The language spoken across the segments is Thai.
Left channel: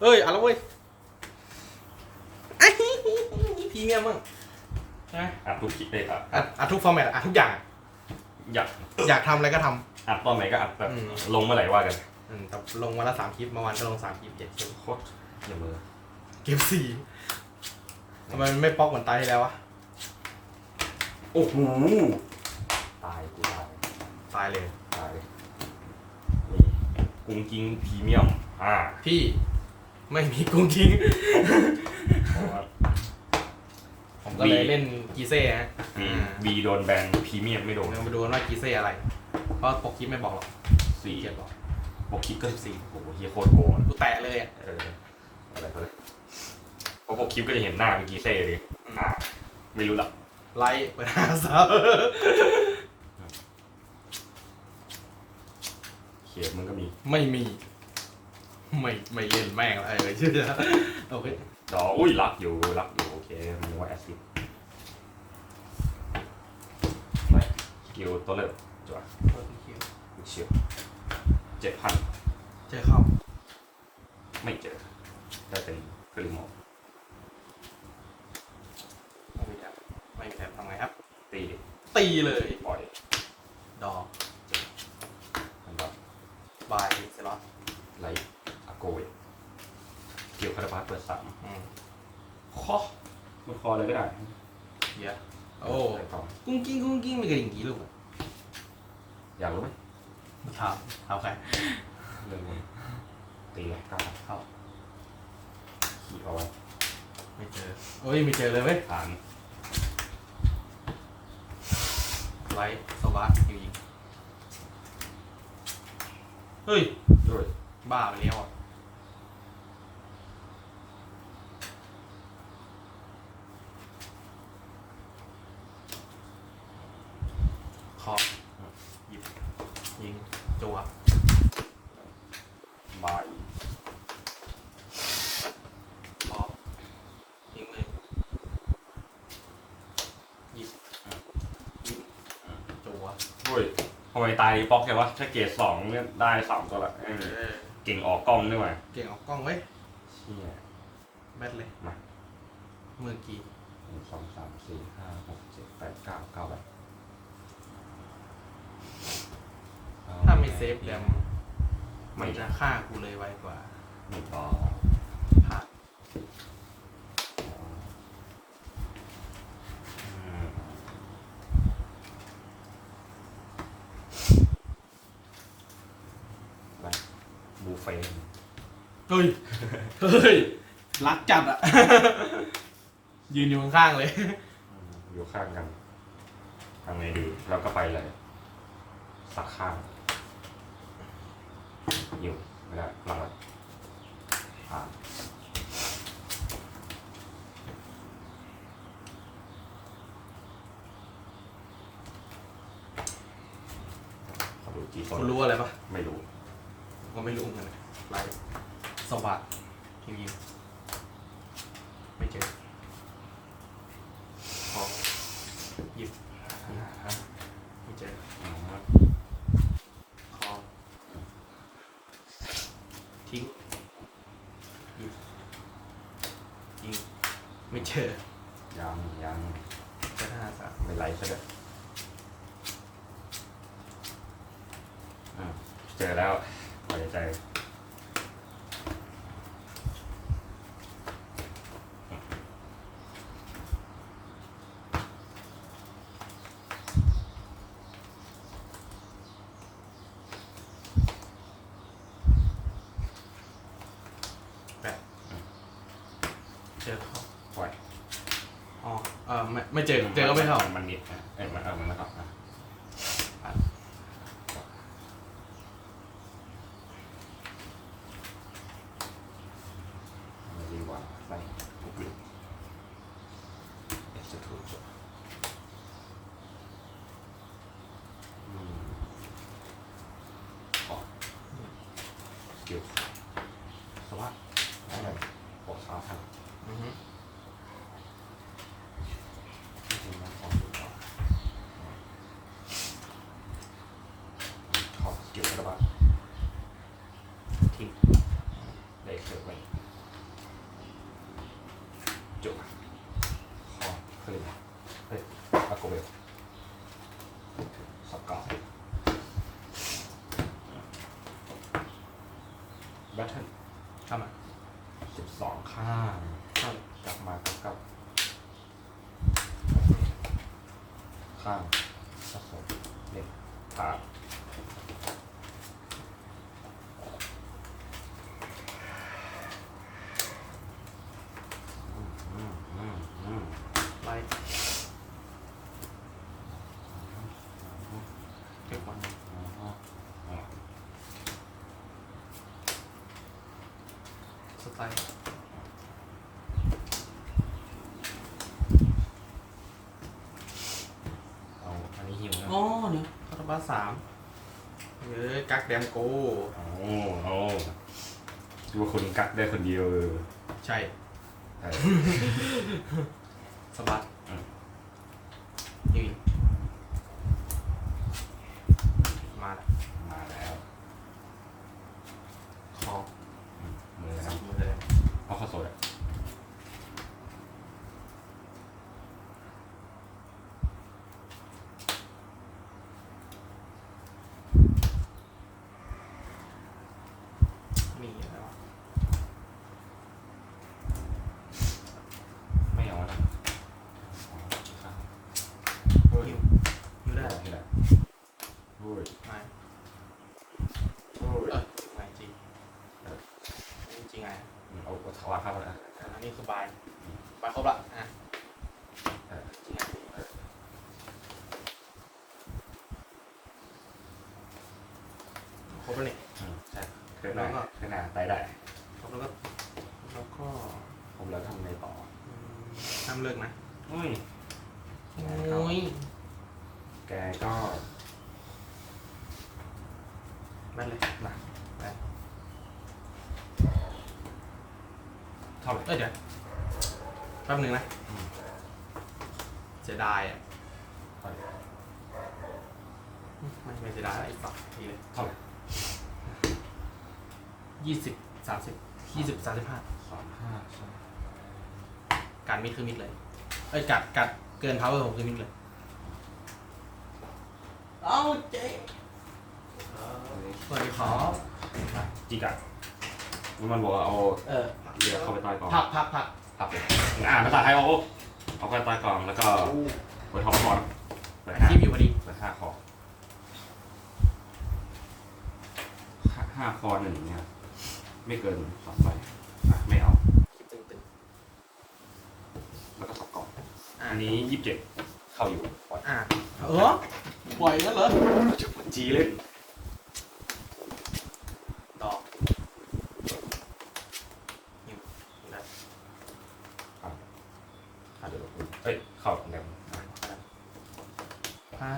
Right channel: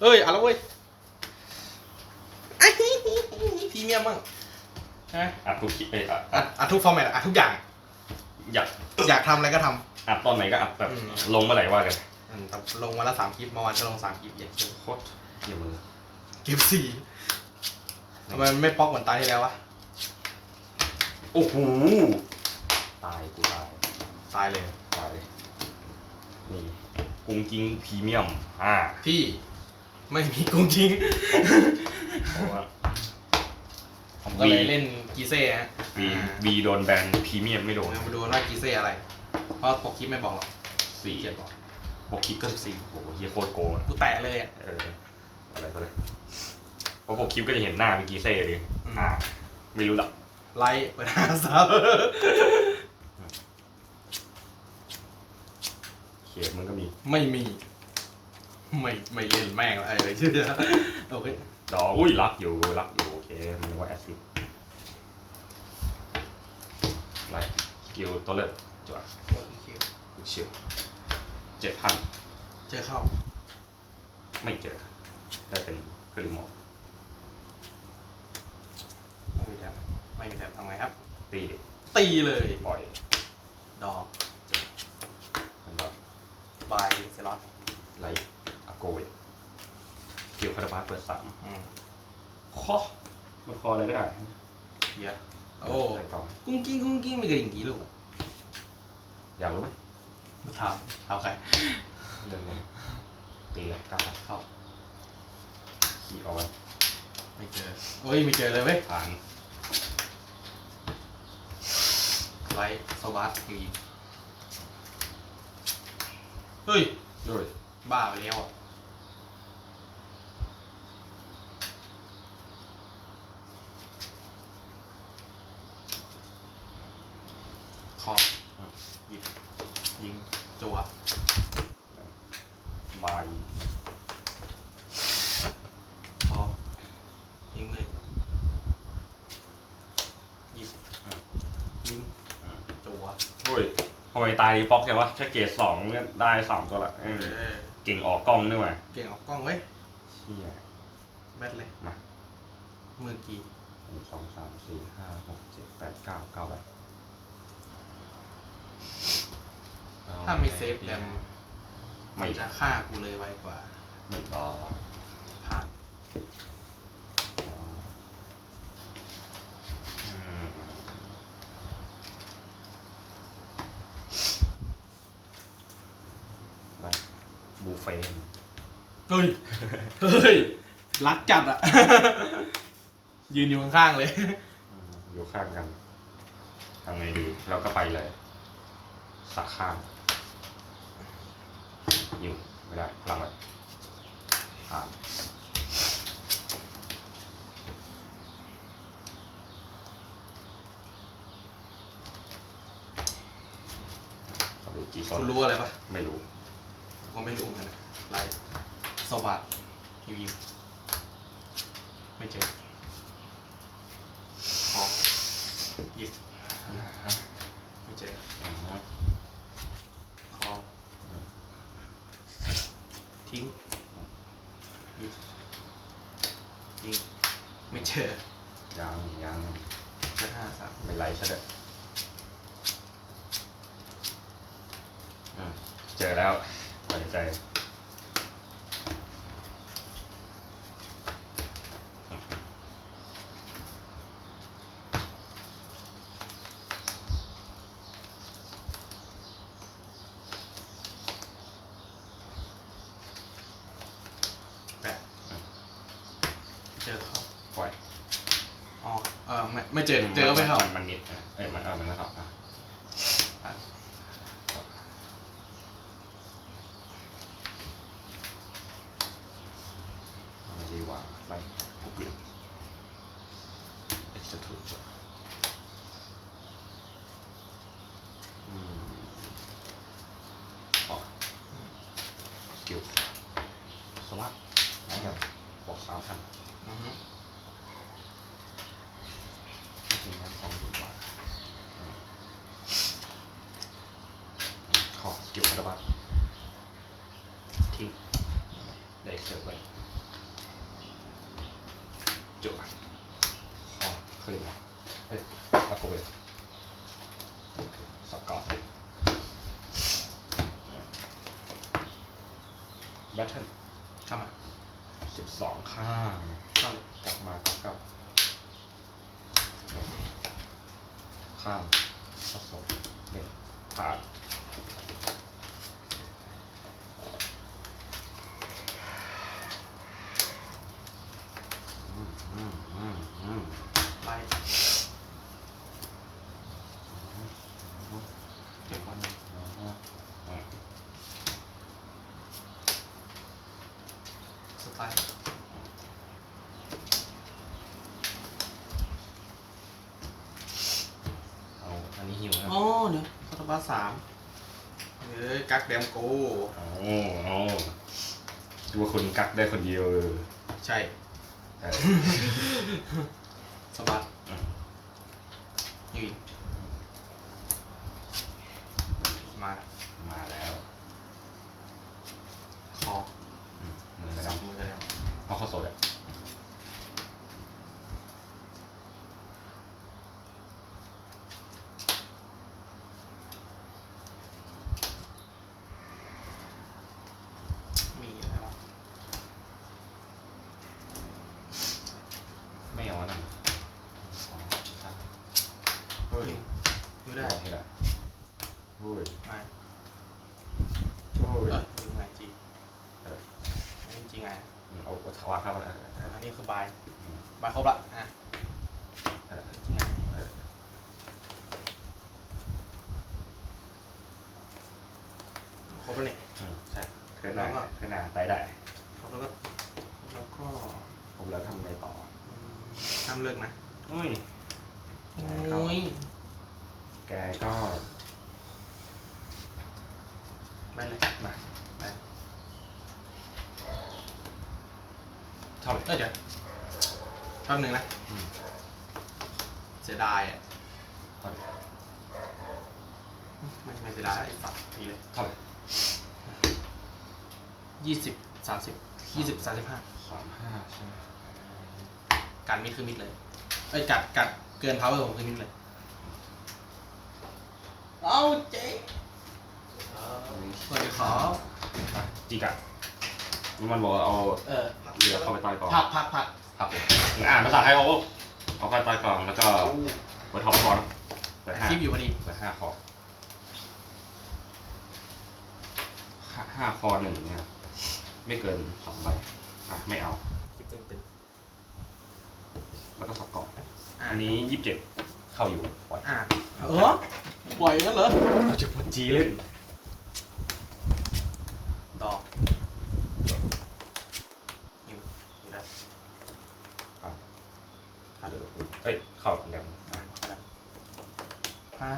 เอ้ยเอะไรเว้ยพรีเมียมมั้งใช่ไหมอัดทุกคลิปไปอัดอัดอัดทุกฟอร์แมตอัดทุกอย่าง อยากอยากทำอะไรก็ท อัดตอนไหนก็อัดแบบอืมลงเมื่อไหร่ว่ากันำอืมแต่ลงวันละสามคลิปเมื่อวานก็ลงสามคลิปเย็นคลิปโคตรเดี๋ยวมือเก็บสี่ทำไมมันไม่ป๊อกเหมือนตายที่แล้ววะ โอ้โหตายกูตายตายเลย ตายนี่กุ้งกิ้งพรีเมียมอ่าพี่ ไม่มีกุ้งกิ้งเพราะว่า ผมก็เลยเล่นกีเซ่ฮะวีวีโดนแบนพรีเมียมไม่โดนเดี๋ยวมาดูว่ากีเซ่อะไร เพราะปกคลิปไม่บอกหรอกสี่เขียนบอกปกคลิปก็สิบสี่โอ้โหเฮียโคตรโกงอะกูแตะเลยอะเอออะไรก็เลยเพราะปกคลิปก็จะเห็นหน้าเป็นกีเซ่ดิอืมอ่าไม่รู้ละไลค์เปิดหาซับเขียนมันก็มีไม่มี ไม่ไม่เล่นแม่งอะไรเลยชื่อโอเคดออุ้ยรักอยู่รักอยู่โอเคมันว่าแอซิดไปสกิลตัวเลิศจ้ะกูเชียวเจ็ดพันเจอเข้าไม่เจอได้เป็นกริมอลไม่มีแถบไม่มีแถบทำไงครับ ตีเด็กตีเลยปล่อยดอกมันแบบบายเซรัสไลท์อาโกเวสกิลคาราบาส เปิดสามอืมคอมันคออะไรก็ได้เฮียโอ้ไปต่อกุ้งกิ้งกุ้งกิ้งมีกระดิ่งกี่ลูกอะอยากรู้ไหมถามถามใครเรื่องนี้ตีแล้วกล้าเข้าขี่เอาไว้ไม่เจอโอ้ยไม่เจอเลยเว้ยผ่านไลท์โซบาสอยู่อีกเฮ้ยด้วยบ้าไปแล้วอะขอบหยิบยิงจั่ว บาย พอยิงเลยหยิบยิงจั่ว ด้วยทำไม ตายป๊อกใช่ปะถ้าเกรดสองเนี่ยได้สามตัวละเออเออเก่งออกกล้องด้วยว่ะเก่งออกกล้องไว้ยนี่ไงแบทเลยมา มือกี่หนึ่งสองสามสี่ห้าหกเจ็ดแปดเก้าเก้าใบถ้าไม่เซฟแรมไม่มันจะฆ่ากูเลยไวกว่าไม่ต่อพลาด อืมไปบูเฟ่ต์ เฮ้ย เฮ้ย รักจัดอะยืนอยู่ข้างๆเลยอืมอยู่ข้างกันทำไงดีเราก็ไปเลยสักข้าง อยู่ไม่ได้พลังไว้ผ่านขอดูจีโซนคุณรู้อะไรปะไม่รู้ ผมไม่รู้เหมือนกันไลท์ สวัสดยิวยิวไม่เจอพอหยิบไม่เจออ่าฮะพอทิ้งหยิบยิงไม่เจอยังยังใช้ห้าสามไม่ไรซะเด้ออะเจอแล้วปล่อยใจ แปดเจอเขา ปล่อย อ๋อเออไม่ไม่ เจอเจอก็ไม่เข้านมันนิดอะเอ้ยมันเออมันนะครับอะผ่านเอาไงดีกว่า ですよこれ。 กักแดมโก เอาเอาดูว่าคุณกักได้คนเดียวเออใช่ เออ สบัด อืม ยืนมา มาแล้ว คอ อืมมือกัน จั นะ บมือเลย เอาข้าวสดอะ มีอะไรวะ ไม่เอานะอ๋อครับเฮ้ย ยิวยิวได้ นี่แหละเฮ้ย ไม่ เฮ้ย เออยังไงจริง เออ จริงไง เอา เอาถวายเข้ามาอะอะอันนี้คือบายบายครบละอะเออเนี่ยเออครบแล้วเนี่ยอืมใช่เคลื่อนหน้าเคลื่อนหน้าไปได้ ครบแล้วก็แล้วก็ผมแล้วทำไงต่ออืมห้ามเลิกนะเฮ้ย โอ้ย แกก็ ไม่เลย มา ไป เท่าไหร่ เอ้ยเดี๋ยว แป๊บนึงนะอืมเสียดายอะเท่าไหร่ไม่ไม่เสียดายไอ้ฝักทีเลยเท่าไหร่ยี่สิบสามสิบยี่สิบสามสิบห้าสามห้าใช่ไหมการมิดคือมิดเลยเอ้ยกัดกัดเกินเท้าผมคือมิดเลยเอาเจ๊สวัสดีครับมาจิกอะมันบอกว่าเอาเออเรือเข้าไปใต้กล่องพักพักพัก ครับผมอ่านภาษาไทยเอาเอาไปใต้กล่องแล้วก็เปิดท็อปก่อนเปิดห้าคลิปอยู่พอดีเปิดห้าคอห้าห้าคอหนึ่งเนี่ยครับไม่เกินสองใบอะไม่เอาคลิปตึงแล้วก็สับกล่องๆอะอันนี้ยี่สิบเจ็ดเข้าอยู่ปล่อยอะเออปล่อยแล้วเหรอจะคนจีเล่น ดอกอยู่อยู่แล้ว อะเดี๋ยวเอ้ยเข้าแล้ว อ่า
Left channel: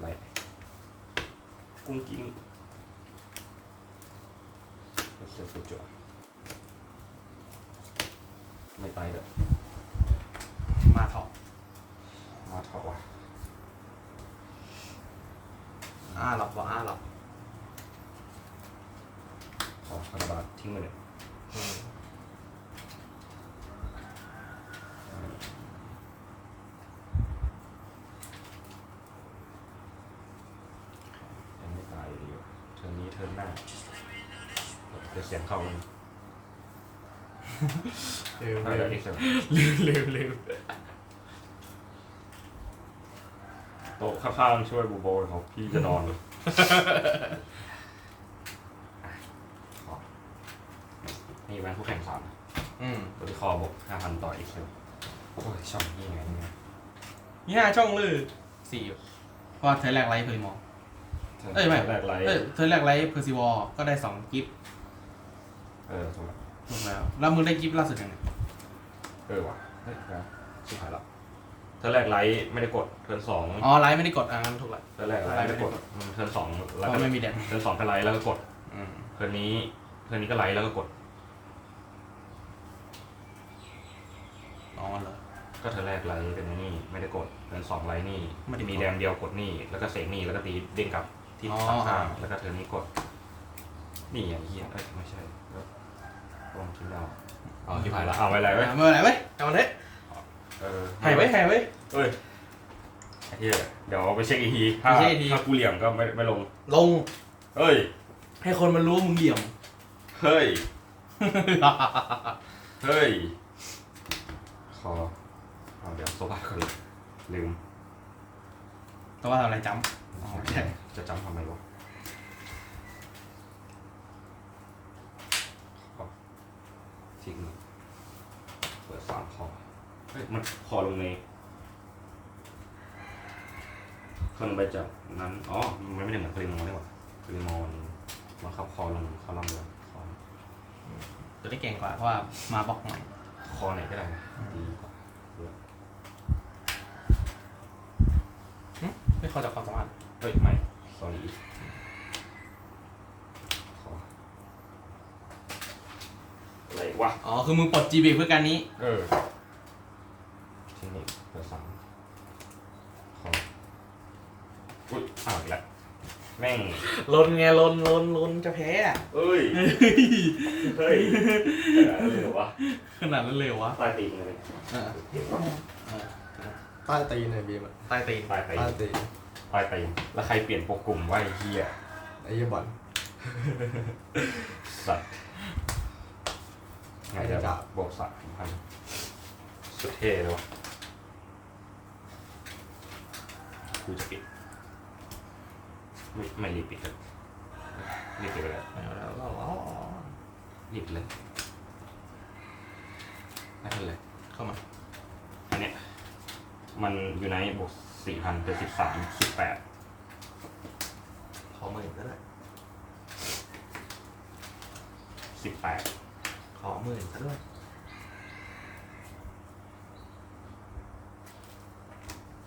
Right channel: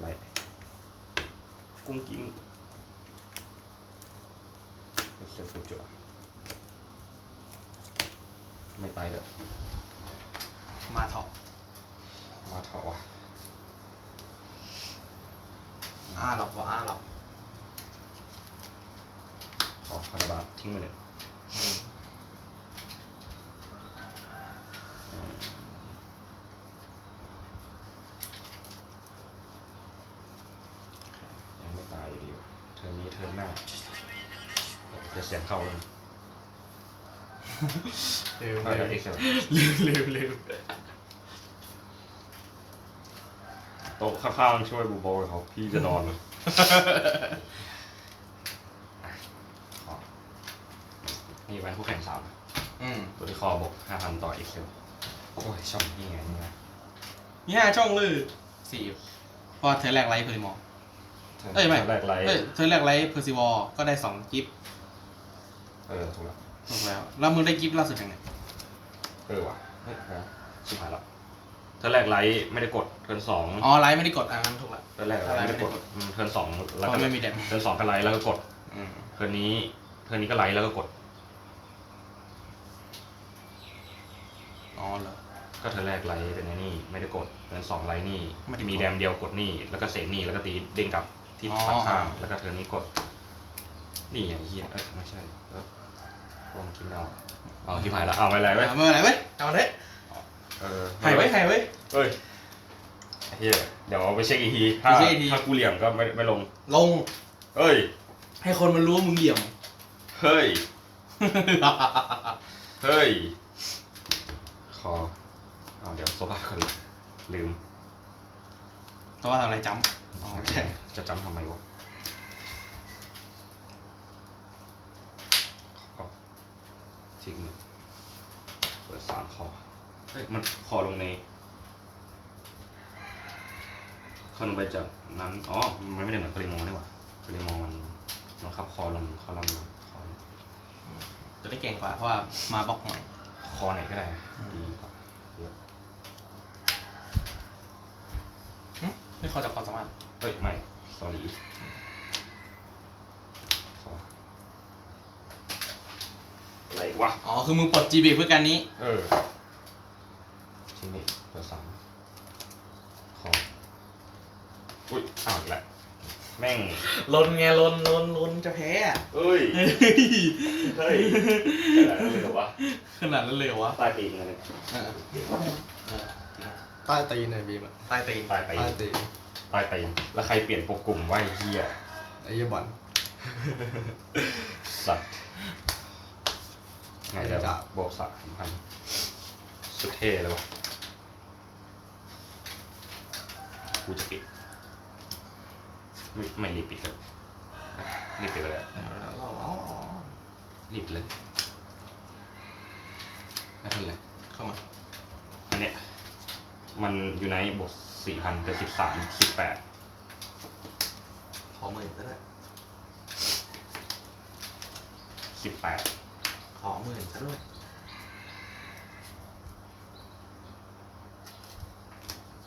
ไรกุ้งกิ้งไปเชียวสุดจั่วไม่ไปเลย มาถอด มาเถอะวะ อ่าหรอกบอกอ่าหรอก ขอคาราบาทิ้งไปเลยอืมยังไม่ตายอยู่ดีวะเทอมนี้เทอมหน้าจะเสียงเข้าเลยเร็วไปเร็แล้ววอีกแล้วเร็วเร็วโต๊ะข้างๆช่วยบูโบยเขาพี่จะนอนขอ นี่เป็นผู้แข่งสามอืมตัวที่คอบวกห้าพันต่ออีกเซลโอ้ยชอบนี่ไงนี่ไงนี่ห้าช่องเลยสี่เพราะเทอร์แรกไลท์เพอร์ซิมอล เอ้ยไม่ แรกไลท์เอ้ยเทอร์แรกไลท์เพอร์ซิวอลก็ได้สองกิฟต์เออถูกแล้วถูกแล้ว แล้วมึงได้กิฟต์ล่าสุดยังไงเออว่ะเฮ้ยนะสุดท้ายละเทิร์นแรกไลท์ไม่ได้กดเทิร์นสองอ๋อไลท์ไม่ได้กดอะงั้นถูกละเทิร์นแรกไลท์ไม่ได้กดอืมเทิร์นสองเพแล้วราะก็ไม่มีแดมเทิร์นสองก็ไลท์แล้วก็กดอืม เทิร์นนี้เทิร์นนี้ก็ไลท์แล้วก็กด อ๋อเหรอ ก็เทิร์นแรกไลท์เป็นไงนี่ไม่ได้กดเทิร์นสองไลท์นี่ไม่ได้กดมีแดมเดียวกดนี่แล้วก็เสกนี่แล้วก็ตีเด้งกลับที่อ๋อข้างอ่าๆแล้วก็เทิร์นนี้กด นี่ไอ้เหี้ยเอ้ยไม่ใช่เออโอ้วงคิดดาวอ๋อคิดหายแล้วเอาไว้ไรไว้อะเมื่อไหร่เว้ยเอาเลยเออหายไว้หายไว้ เอ้ยไอ้เฮียเดี๋ยวเอาไปเช็คอีกทีถ้าไปเช็คอีกที ถ้ากูเหลี่ยมก็ไม่ไม่ลง ลงเอ้ย ให้คนมันรู้ว่ามึงเหลี่ยม เฮ้ย เฮ้ยข อเอาเดี๋ยวโซฟาคืนลืมแต่ว่าทำอะไรจำอ๋อโอเคจะจำทำไมวะขอทิ้งหนึ่งเปิดสามคอเฮ้ยมันคอลงในขึ้นไปจากนั้น อ๋อ มันไม่ได้เหมือนคาริมอนี่หว่าคาริมอมันบังคับคอลงคอลัมน์ลงคอจะได้เก่งกว่าเพราะว่ามาบล็อกหน่อย คอไหนก็ได้ดีกว่าไม่เข้าจากความสามารถเฮ้ยไม่ sorry ขออะไรวะ อ๋อ คือมึงปลด GB เพื่อการนี้ เออทิ้งนี่เปิดสามขออุ้ยอ้าวอีกแล้ว แม่งลนไงลนลนลนจะแพ้อะเอ้ย เฮ้ยอะไรหรอวะขนาดนั้นเลยเหรอวะปลายตีนเลยอ่าอ่าใต้ตีนเนี่ยบีมอะใต้ตีนปลายตีนใต้ตีนปลายตีนแล้วใครเปลี่ยนโปรกลุ่มว่าไอ้เฮียไอ้เหี้ยบอลสัตว์ไงเดี๋ยวจะโบกสามพันสุดเท่เลยวะกูจะปิด ไม่ไม่รีบปิดเลยรีบปิดไปแล้วรีบเลยไม่ทันเลยเข้ามา อันเนี้ยมันอยู่ในบวกสี่พันเป็นสิบสามสิบแปดขอหมื่นก็ได้สิบแปดขอหมื่นซะด้วย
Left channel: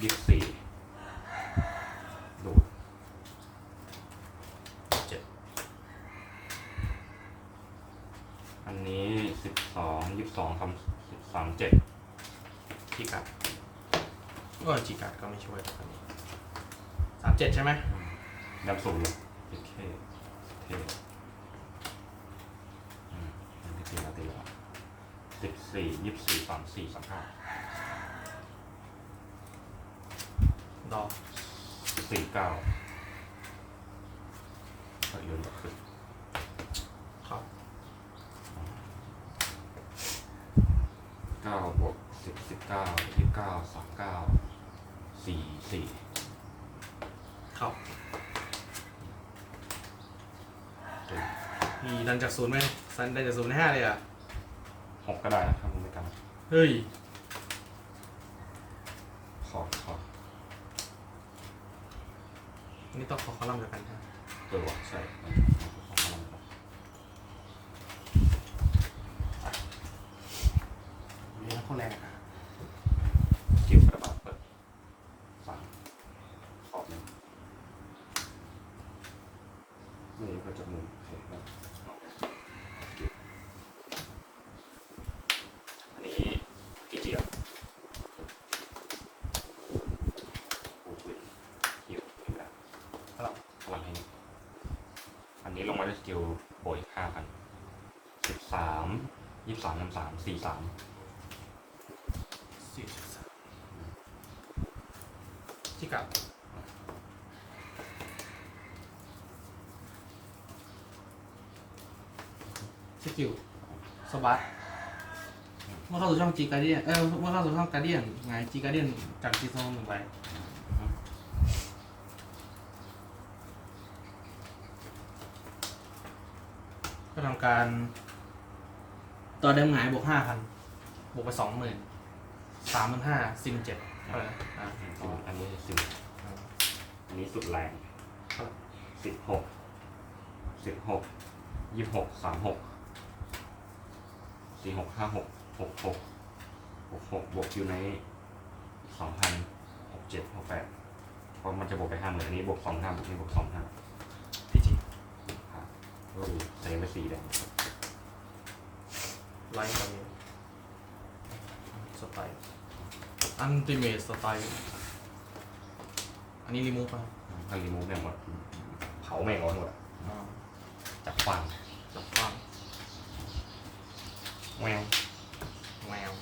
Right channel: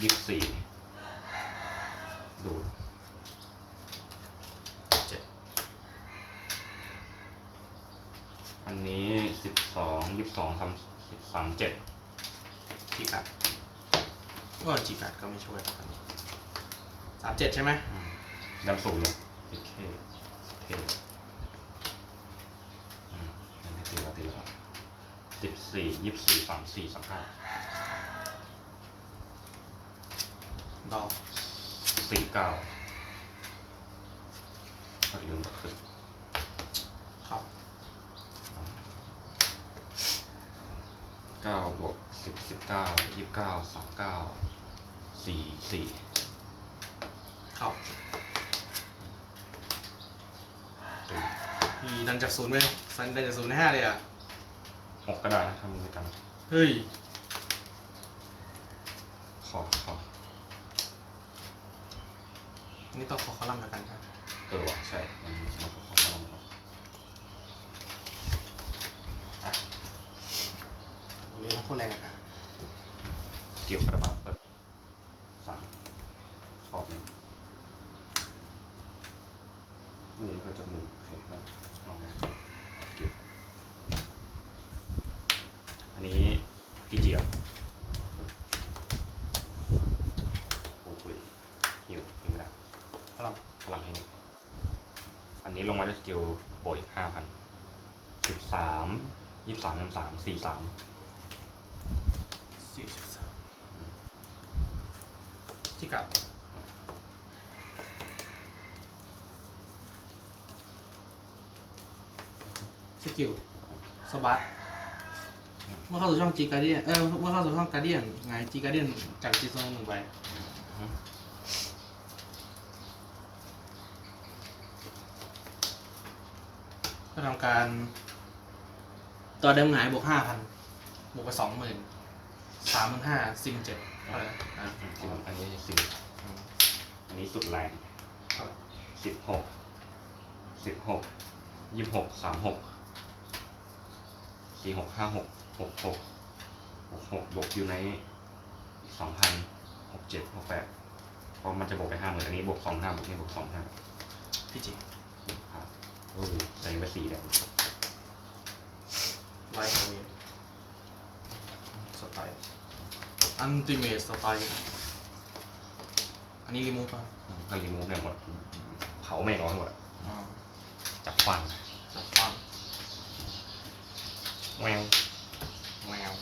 ยี่สิบสี่ดูด เจ็ด อันนี้สิบสองยี่สิบสองสามสิบสามเจ็ด จีกัด ก็จีกัดก็ไม่ช่วยตอนนี้สามเจ็ดใช่ไหมดำสูงอยู่โอเคโอเคอืมอันนี้ตีละตีละสิบสี่ยี่สิบสี่สามสี่สามห้าดอกสี่เก้าก็ยืนแบบขึ้นครับเก้าบวกสิบสิบเก้ายี่สิบเก้าสามเก้า สี่สี่ครับตีมีดันจากศูนย์ไหมซันได้จากศูนย์ในห้าเลยอะหกก็ได้นะทำด้วยกัน เฮ้ย ขอขอนี่ต้องขอคอลัมน์แล้วกันครับเออว่ะใช่มันมันขอขอมาครับเรียกว่าโคตรแรงอะ เกี่ยวกระบาดเปิดสั่งขอบหนึ่งมือก็จะมือเห็นไหมลองเก็บอันนี้กี่เจียวโอ้โหเกี่ยวไม่ได้ คอลัมน์ พลังให้หนึ่งอั นนี้ลงมาด้วยสกิลโบยห้าพันสิบสามยี่สามยี่สามสี่สามสี่สิบสามจีกัดสกิลสบัสดเมื่อเข้าสู่ช่องจีการเดียนเออเมื่อเข้าสู่ช่องการเดียนไงจีการเดียนจากจีโซนหนึ่งไป ทำการ ตัวเดิมหงายบวกห้าพันบวกไปสองหมื่นสามหมื่นห้าซิมเจ็ดเท่าไหร่นะอะอันนี้สิบอันนี้สุดแรงครับสิบหกสิบหกยี่สิบหกสามหกสี่หกห้าหกหกหกหกหกบวกคิวในสองพันหกเจ็ดหกแปดเพราะมันจะบวกไปห้าหมื่นอันนี้บวกสองห้าบวกนี้บวกสองห้าพี่จี ครับโอ้ยใส่ไปสี่แดงร้อยกว่าเมตรสไตล์อันติเมทสไตล์ อันนี้รีมูฟป่ะคันรีมูฟเนี่ยหมดเผาแม่งเอาทั้งหมดอะอ่าจับฟังหลักฟังแวว แมว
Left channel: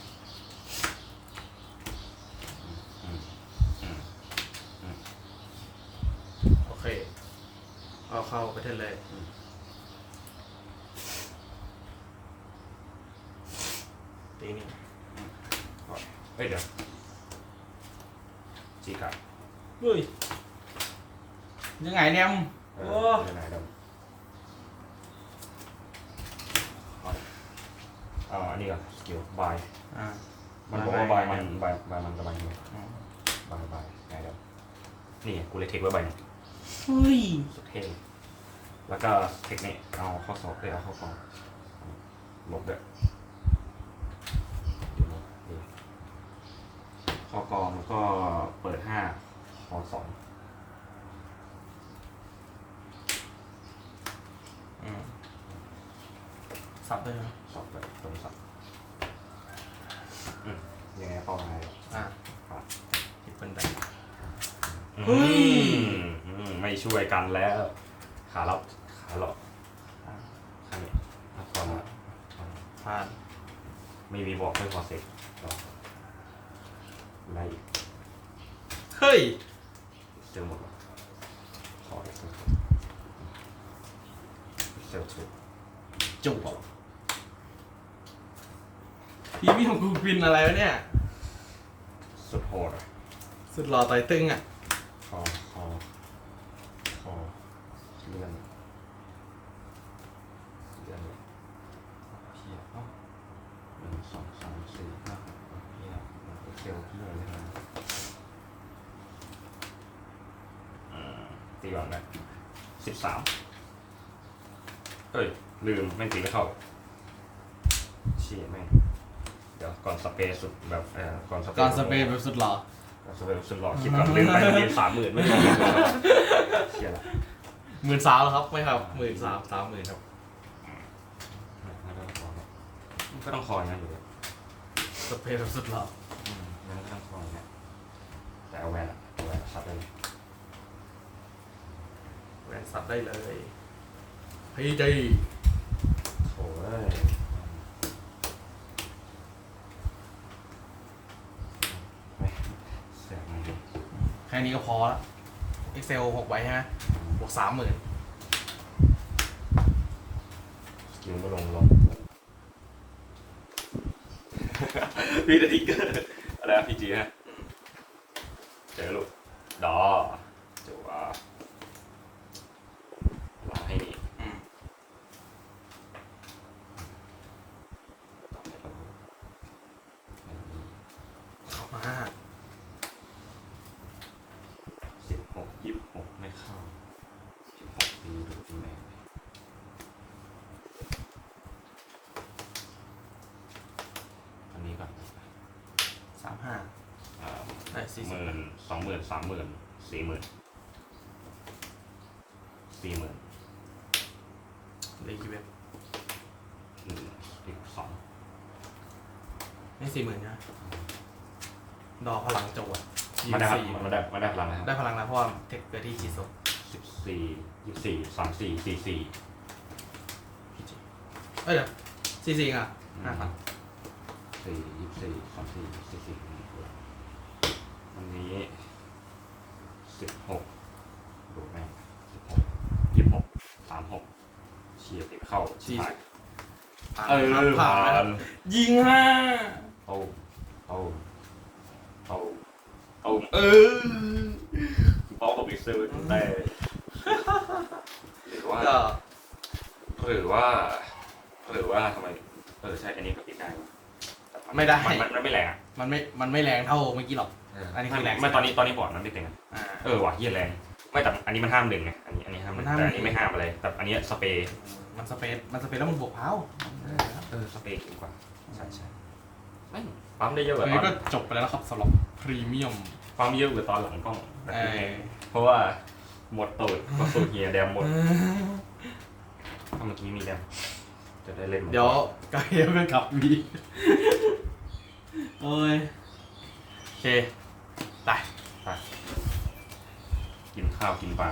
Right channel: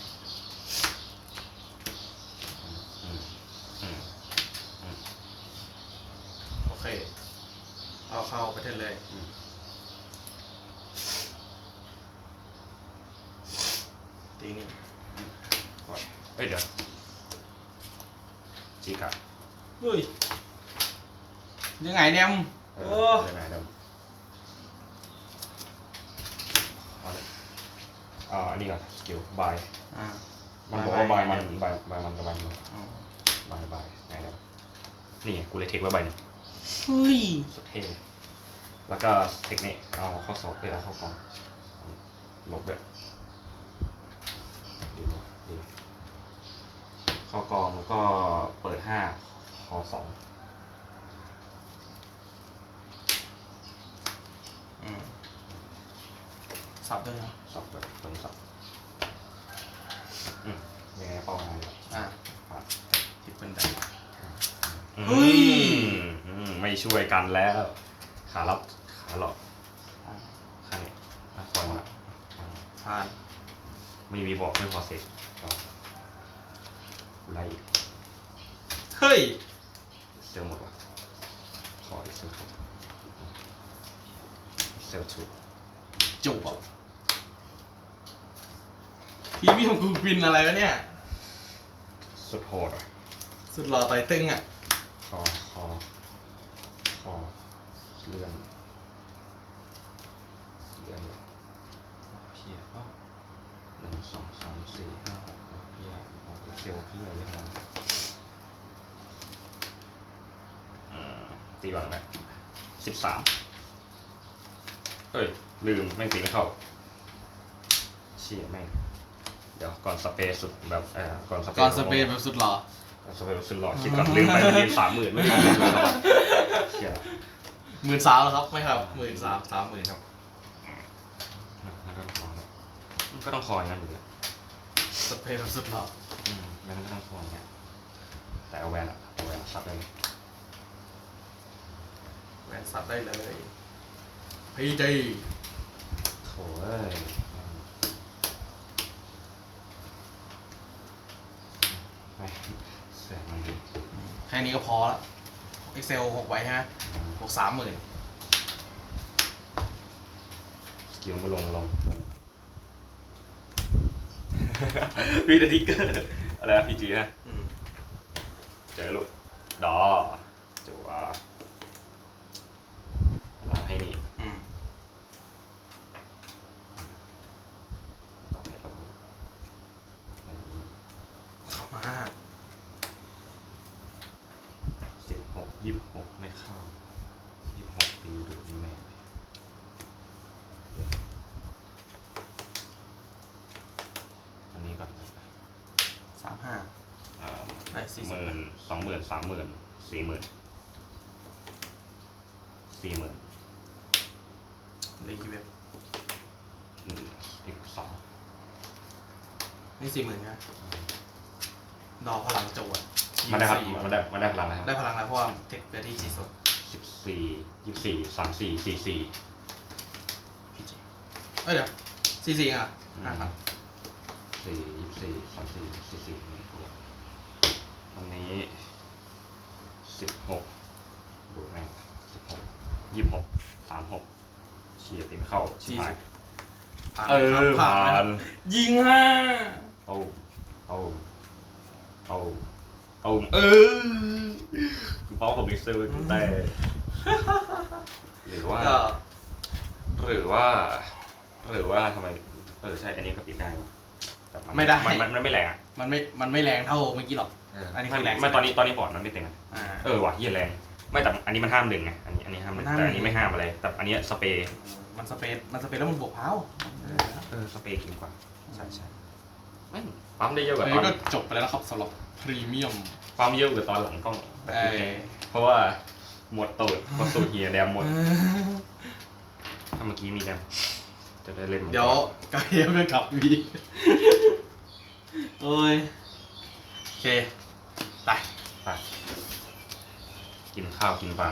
อืมอืม โอเค เอาเข้าประเทศเลย ตีนี่ เอ้ยเดี๋ยวจีกับเฮ้ยยังไงเนี่ยมเอโอ้อเดี๋ยวไหนเดี๋ยวเอาเลยอ่าอันนี้ก่อนสกิลบายอ่า มันบอกว่าบายมันบายบายมันกับใบมันอ๋อบายบายไหนแล้วนี่ไงกูเลยเทคไว้ใบนี้เฮ้ยสุดเท่แล้วก็เทคนิคเอาข้อสอบไปเอาเข้ากองลบแบบดีเนอะดี เข้ากองแล้วก็เปิดห้าคอสองอืมสับด้วยนะสอบแบบเปิดสอบอืมยังไงเป้าหมายอ่าครับทิปเป็นแบบอืมเฮ้ยอืมไม่ช่วยกันแล้ว ขาลับขาหลอกอ่าข้างนี้นักบอลละผ่านไม่มีบอกไม่พอเสร็จ ก็ไล่อีกเฮ้ย เซลหมดว่ะขอเซลถูกเซลถูกจุกอะพีมี่ของกูวินอะไรวะเนี่ย สุดโหดอะสุดหล่อต่อยตึงอะ คอคอคอเลื่อนเลื่อนเลยเชี่ยเอ้าหนึ่งสองสามสี่ห้าหกเฮีย มันก็เซลเลื่เลยนะตีก่อนไหมสิบสามเอ้ย ลืมไม่งตีไม่เข้าเชี่ยแม่ง เดี๋ยวก่อนสเปรย์สุดแบบเออก่อนสเปรย์การสเปรย์แบบสุดหล่อก่อนสเปรย์สุดหล่อคิดก่อนลืมไปยืนสามหมื่นไม่ใช่เชี่ยละหมื่นสามแล้วครับไม่ครับหมื่นสามสามหมื่นครับก็ต้องคอนะก็ต้อย่างนั้อยู่แล้วสเปรย์แบบสุดหล่อ อืมแล้วก็ต้องคออย่างนั้นแต่ เอาแวนอะเอาแวนซับได้เลยแหวนสับได้เลยพีจีโถ่เอ้ยไปแสงมันดีแค่นี้ก็พอละ Excel หกใบใช่ไหมบวกสามหมื่นสกิลมาลงลงมีแต่ทิกเกอร์อะไรอะพีจีฮะ เจอลูก ดอจัวมาให้นี่ อืมอ่า สิบหกยี่สิบหกไม่เข้ายี่สิบหกตีดูดีแม่อันนี้ก่อน สามห้า อ่า ได้สี่หสิบมื่นสองหมื่นสามหมื่นสี่หมื่นสี่หมื่นได้กี่เว็บหนึ่งอีกสองนี่สี่หมื่นนะดอกพลังจวดมาได้ครับสี่มาได้มาได้พลังนะครับได้พลังแล้วเพราะว่าเทคเกิดที่จีโซสิบสี่ยี่สิบสี่สามสี่สี่สี่พีจีเอ้ยเดี๋ยวสี่สี่อะห้าพันสี่ยี่สิบสี่สามสี่สี่สี่ต รงนี้สิบหกดูแม่งสิบหกยี่สิบหกสามหกเฉียดติดเข้าสี่ผ่าสินบเออผ่านยิงห้าเอาเอาเอาเอาเออกูเป้าผมลิเซอร์กูได้หรือว่า ก็หรือว่า หรือว่าทำไม เออใช่ อันนี้ก็ปิดได้ว่ะแต่ นไม่ได้มันมันมันไม่แรงอะมันไม่ มันไม่แรงเท่าเมื่อกี้หรอก อันนี้คือแรงไม่ตอนนี้ตอนนี้บอร์ดนั้นได้เป็นไงอ่า เออว่ะเฮียแรงไม่แต่อันนี้มันห้ามหนึ่งไงอันนี้อันนี้ห้ามหนึ่งมันห้าม แต่อันหนึ่นี้งไม่ห้ามอะไรแต่อันนี้สเปรย์มันสเปซมันสเปซแล้วมันบวกเท้าเออสเปรย์ดีกว่าใช่ใช่ไม่ปั๊มได้เยอะกว่าอันตอนี้นก็จบไปแล้วนะครับสำหรับพรีเมียมปั๊มเยอะกว่าตอนหลังกล้องแบบเอนี้อเพราะว่าหมดตูดเพราะสูตรเฮียแดมหมดถ้าเมื่อกี้มีแดมจะได้เล่นหม เดี๋ยวกายไปขับวี โอ้ยโอเค ไป ไป กินข้าวกินปลา